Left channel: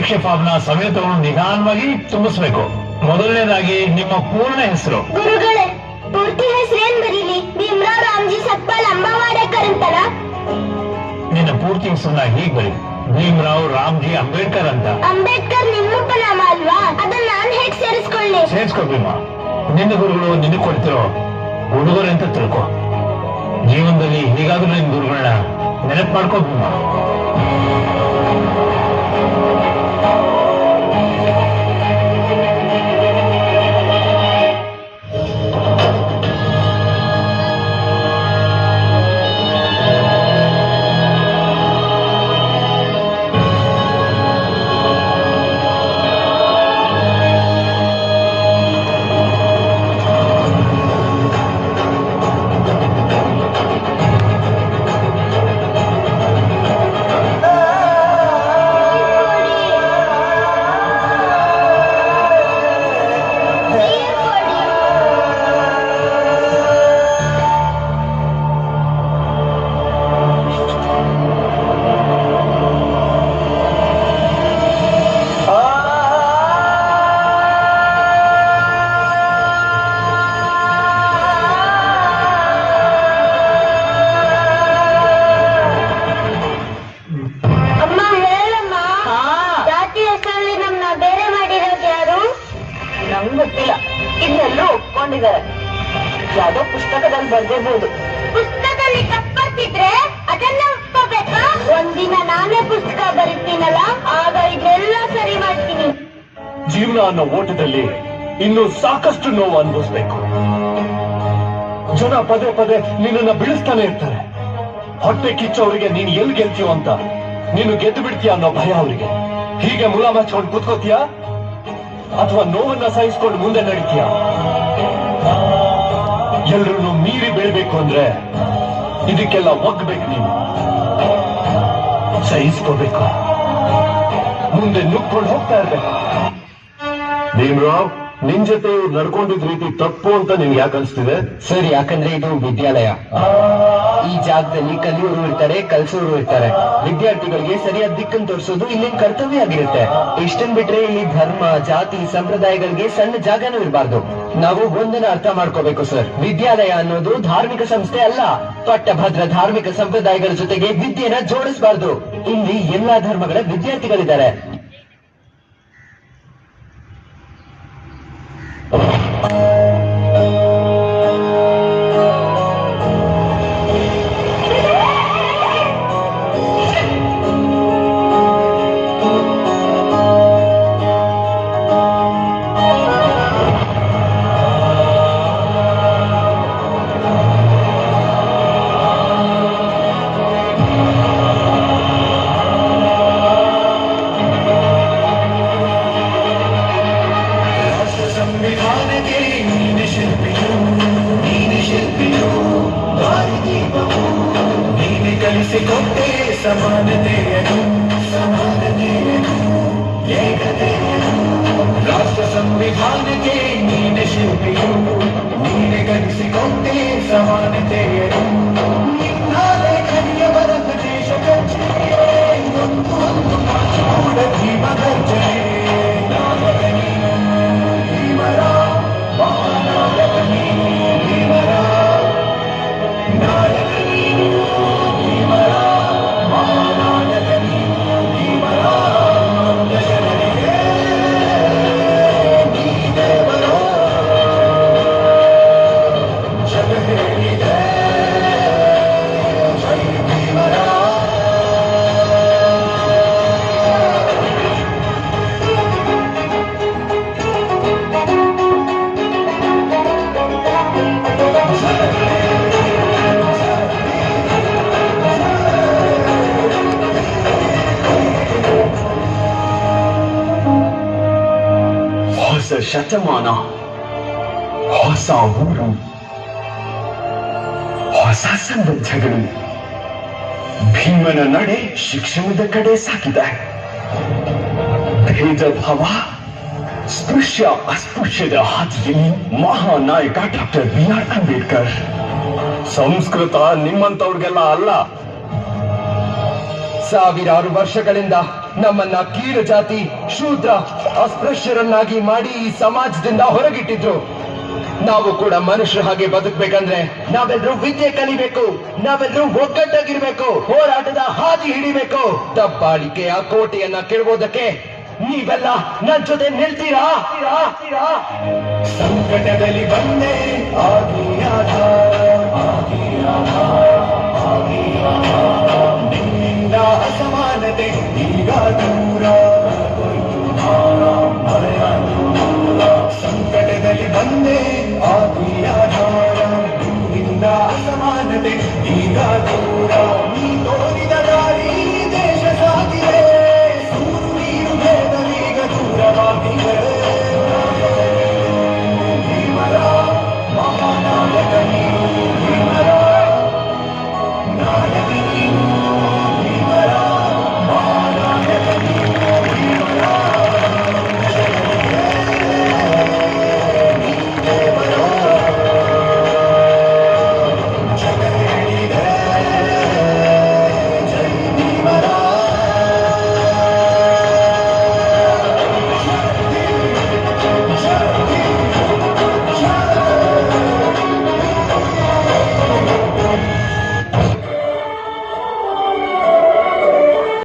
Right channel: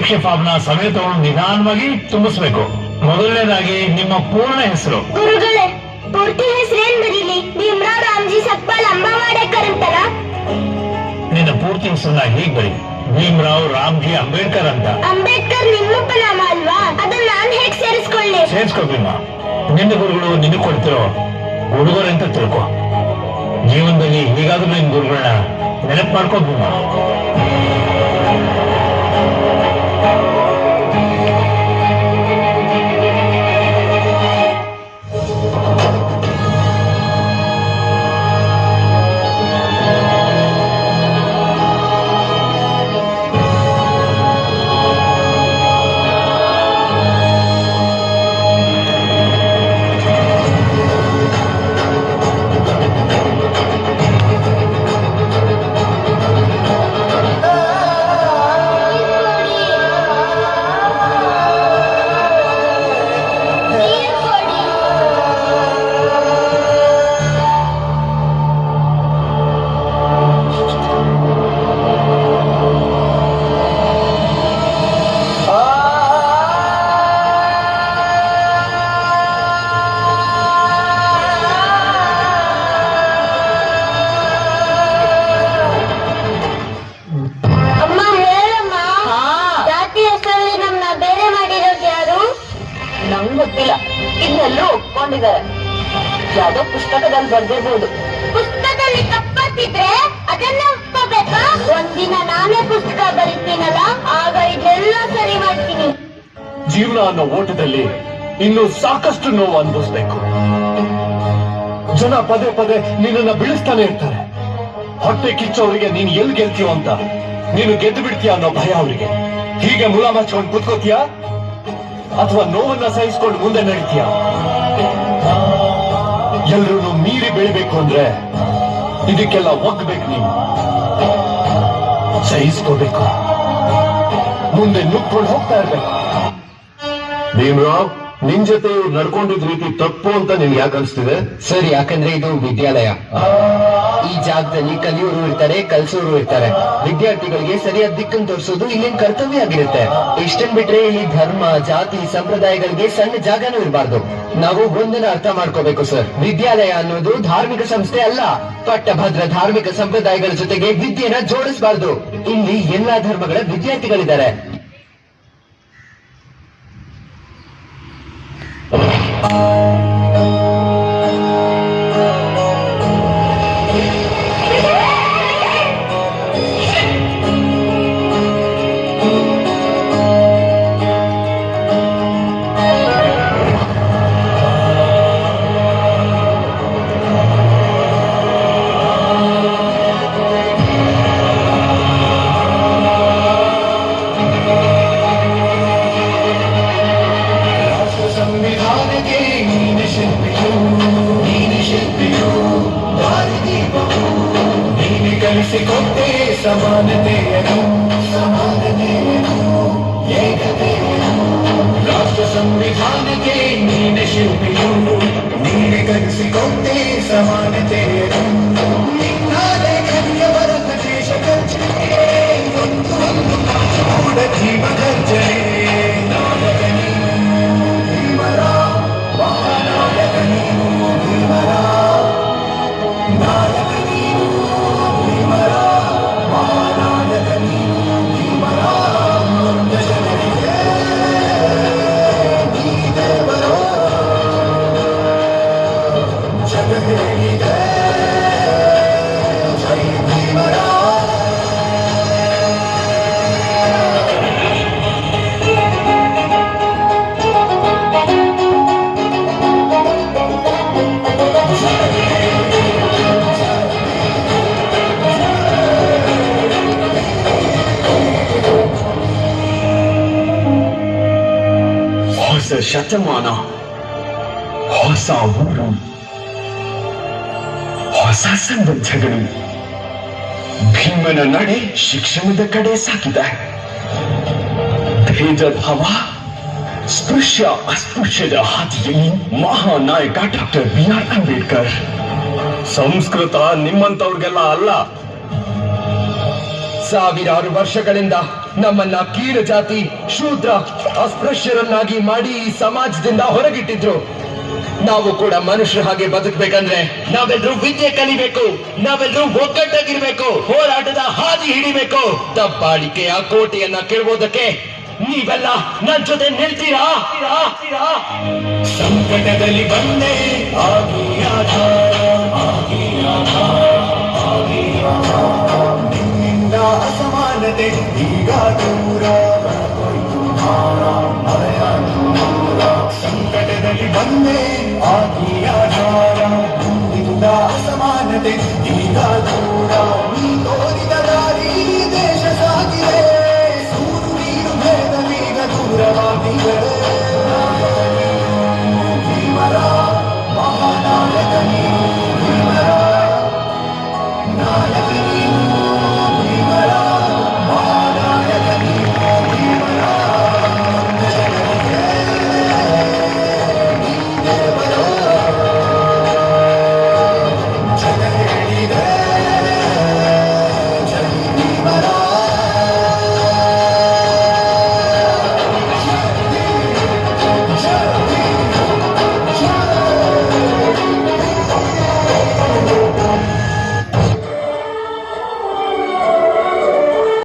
ಪರೀಕ್ಷೆ ಫಾರ್ಮ್ನ ಸಮೇತವನ್ನು ನಿಧಾನವಾಗಿ ತುಂಬಿಸ್ಬೇಕು. ಮೊದಲನೇದಾಗಿ ನಿಮ್ಮ ಪೂರ್ಣ ಹೆಸರು. ಗುರುಗಳೇ, ಪೂರ್ತಿ ಹೆಸರೇನ್ ಬರೀಲಿ? ಭೀಮರಾವ್ ರಾಮ್ಜಿ ಸಕ್ಪಾಲ್ ಅಂಬಾವಾಡೇಕರ್ ಅಂತಲ್ಲ? ನಿನ್ನ ಪೂರ್ತಿ ಹೆಸರನ್ನ ಹೀಗ್ ಬರಿ, ಭೀಮರಾವ್ ರಾಮ್ಜಿ ಅಂಬೇಡ್ಕರ್ ಅಂತ. ಅಂಬೇಡ್ಕರ್ ನಿಮ್ಮಪ್ಪ ನಾಮ ಅಲ್ವಾ? ಅದನ್ನ ನಾನ್ ಹೇಗ್ ಸೇರಿಸ್ಕೊಳ್ಳಿ? ಸೇರಿಸ್ಕೋ ಭೀಮಾ. ನಿನ್ನ ಗುರುಗಳು ನಿನಗೆ ಕೊಡ್ತಿರೋ ಹುಡುಗರು ಅಂತ ತಿಳ್ಕೊ. ಜೀವನದಲ್ಲಿ ಹೀಗಾದ್ರೂ ನಿನ್ ಗುರುಗಳನ್ನ ನೆನಪು ಮಾಡ್ಕೋ ಭೀಮಾ. ಗೊತ್ತಿಲ್ಲ, ಇನ್ನೆಲ್ಲೂ ಒಪ್ಕೊಂಡಿದ್ದಾರೆ. ಯಾವುದೋ ಪುಸ್ತಕದಲ್ಲಿ ಬರ್ದಿರ್ಬೋದು. ಪುಸ್ತಕದಲ್ಲಿ ತಪ್ಪಿದ್ರೆ ಅದನ್ನ ಒಪ್ಕೋಬೇಕಾ? ಒಂದಿನ ನಾನೇ ಪುಸ್ತಕ ಬರೀತೀನಲ್ಲ, ಆಗ ಇದೆಲ್ಲ ಸರಿ ಮಾಡ್ತೀನಿ. ಜೀವನ ಅನ್ನೋ ಓಟದಲ್ಲಿ ಇನ್ನು ಸಾಕಷ್ಟು ನೋವು ಅನುಭವಿಸ್ಬೇಕು. ಜನ ಪದೇ ಪದೇ ನಿನ್ನನ್ನ ಬೀಳಿಸ್ತಾನೆ ಇರ್ತಾರೆ. ಹೊಟ್ಟೆ ಕಿಚ್ಚವರಿಗೆ ನೀನು ಎಲ್ಲಿ ಗೆಲ್ತೀಯೋ ಅಂತ, ನೀನು ಗೆದ್ದು ಬಿಡ್ತೀಯ ಅನ್ನೋ ಭಯ ಅವರಿಗೆ. ಹೀಗೆ ಮುಲ ಮಚ್ಕೊಂಡು ಕೂತ್ಕೋತೀಯ ಅಥವಾ ನೋವನ್ನ ಸಹಿಸ್ಕೊಂಡು ಮುಂದೆ ನಡೀತೀಯ? ಎಲ್ಲರೂ ಮೀರಿ ಬೆಳಿಬೇಕು ಅಂದ್ರೆ ಇದಕ್ಕೆಲ್ಲ ಒಗ್ಬೇಕು. ನೀನು ಸಹಿಸ್ಕೋಬೇಕು, ಮುಂದೆ ನುಗ್ಕೊಂಡು ಹೋಗ್ತಾ ಇರ್ಬೇಕು. ಭೀಮರಾವ್, ನಿನ್ ಜೊತೆ ಇವ್ರು ನಡ್ಕೊಂಡಿದ್ ರೀತಿ ತಪ್ಪು ಅಂತ ನಿನ್ಗೆ ಯಾಕೆ ಅನ್ಸ್ತಿದೆ? ಸರ್, ಯಾಕಂದ್ರೆ ಇದು ವಿದ್ಯಾಲಯ. ಈ ಜಾಗದಲ್ಲಿ ಕಲಿಯೋರು ಇರ್ತಾರೆ, ಕಲ್ಸೋರು ಇರ್ತಾರೆ. ವಿದ್ಯಾರ್ಥಿಗಳಿಗೆ ಸರಿಯಾದ ದಿಕ್ಕನ್ನು ತೋರಿಸೋದು ಇಲ್ಲಿನ ಕರ್ತವ್ಯ ಆಗಿರುತ್ತೆ. ಇಷ್ಟನ್ ಬಿಟ್ರೆ ಇಲ್ಲಿ ಧರ್ಮ, ಜಾತಿ, ಸಂಪ್ರದಾಯಗಳಿಗೆ ಸಣ್ಣ ಜಾಗನೂ ಇರಬಾರ್ದು. ನಾವು ಒಂದನ್ನ ಅರ್ಥ ಮಾಡ್ಕೋಬೇಕು ಸರ್. ವಿದ್ಯಾಲಯ ಅನ್ನೋದು ಧಾರ್ಮಿಕ ಸಂಸ್ಥೆ ಅಲ್ಲ. ಪಟ್ಟಭದ್ರ ಧಾರ್ಮಿಕ ಸಂಪ್ರದಾಯಗಳ ಜೊತೆಗೆ ವಿದ್ಯೆನ ಜೋಡಿಸಬಾರ್ದು. ಇಲ್ಲಿ ಎಲ್ಲಾ ಧರ್ಮಗಳ ವಿದ್ಯಾರ್ಥಿಗಳಿದ್ದಾರೆ. ಕಲಿಸಿಕೊಟ್ಟೆ ಸಮಾನತೆಯನ್ನು, ಏಕತೆಯನ್ನು. ರಾಷ್ಟ್ರ ಸಂವಿಧಾನಕ್ಕೆ ನೀನೆ ಶಿಲ್ಪಿಯು, ನೀನೆ ಕಲಿಸಿಕೊಟ್ಟೆ ಸಮಾನತೆಯನ್ನು. ನಿನ್ನ ಲೇಖನಿಯ ಬರತ ದೇಶ ಗರ್ಜನೆ, ಒಂದು ಕಾಚೂಡ ಜೀವ ಗರ್ಜನೆ. ಶತಮಾನ, ಹೊಸ ಊರು, ಹೊಸ ಸಂಬಂಧಗಳು. ಭೀಮನ ನಡೆ ಶಿಕ್ಷಣದ ಕಡೆ ಸಾಗಿದೆ. ಭೇದ ಭಾವ, ಸ್ಪೃಶ್ಯ ಅಸ್ಪೃಶ್ಯದ ಹಾದಿಯಲ್ಲಿ ಮಹಾನಾಯಕ ಡಾಕ್ಟರ್ B.R. ಅಂಬೇಡ್ಕರ್. ಸಂಸ್ಕೃತ ನಿಮ್ಮಂತವ್ರಿಗೆಲ್ಲ ಅಲ್ಲ. ಸಾವಿರಾರು ವರ್ಷಗಳಿಂದ ನಮ್ಮನ್ನ ಕೀಳು ಜಾತಿ, ಶೂದ್ರ, ಅಸ್ಪೃಶ್ಯರನ್ನಾಗಿ ಮಾಡಿ ಈ ಸಮಾಜದಿಂದ ಹೊರಗಿಟ್ಟಿದ್ರು. ನಾವು ಕೂಡ ಮನುಷ್ಯರ ಹಾಗೆ ಬದುಕಬೇಕಂದ್ರೆ ನಾವೆಲ್ಲರೂ ವಿದ್ಯೆ ಕಲಿಬೇಕು, ನಾವೆಲ್ಲರೂ ಒಗ್ಗಟ್ಟಾಗಿರ್ಬೇಕು, ಹೋರಾಟದ ಹಾದಿ ಹಿಡಿಬೇಕು. ದಬ್ಬಾಳಿಕೆಯ ಕೋಟೆಯನ್ನ ಕೆಡವೋದಕ್ಕೆ ನೀವೆಲ್ಲ ನನ್ ಜೊತೆ ನಿಲ್ತೀರಾ? ಸಂಕಟದಲ್ಲಿ ಬಂದೆ ಆಗಿ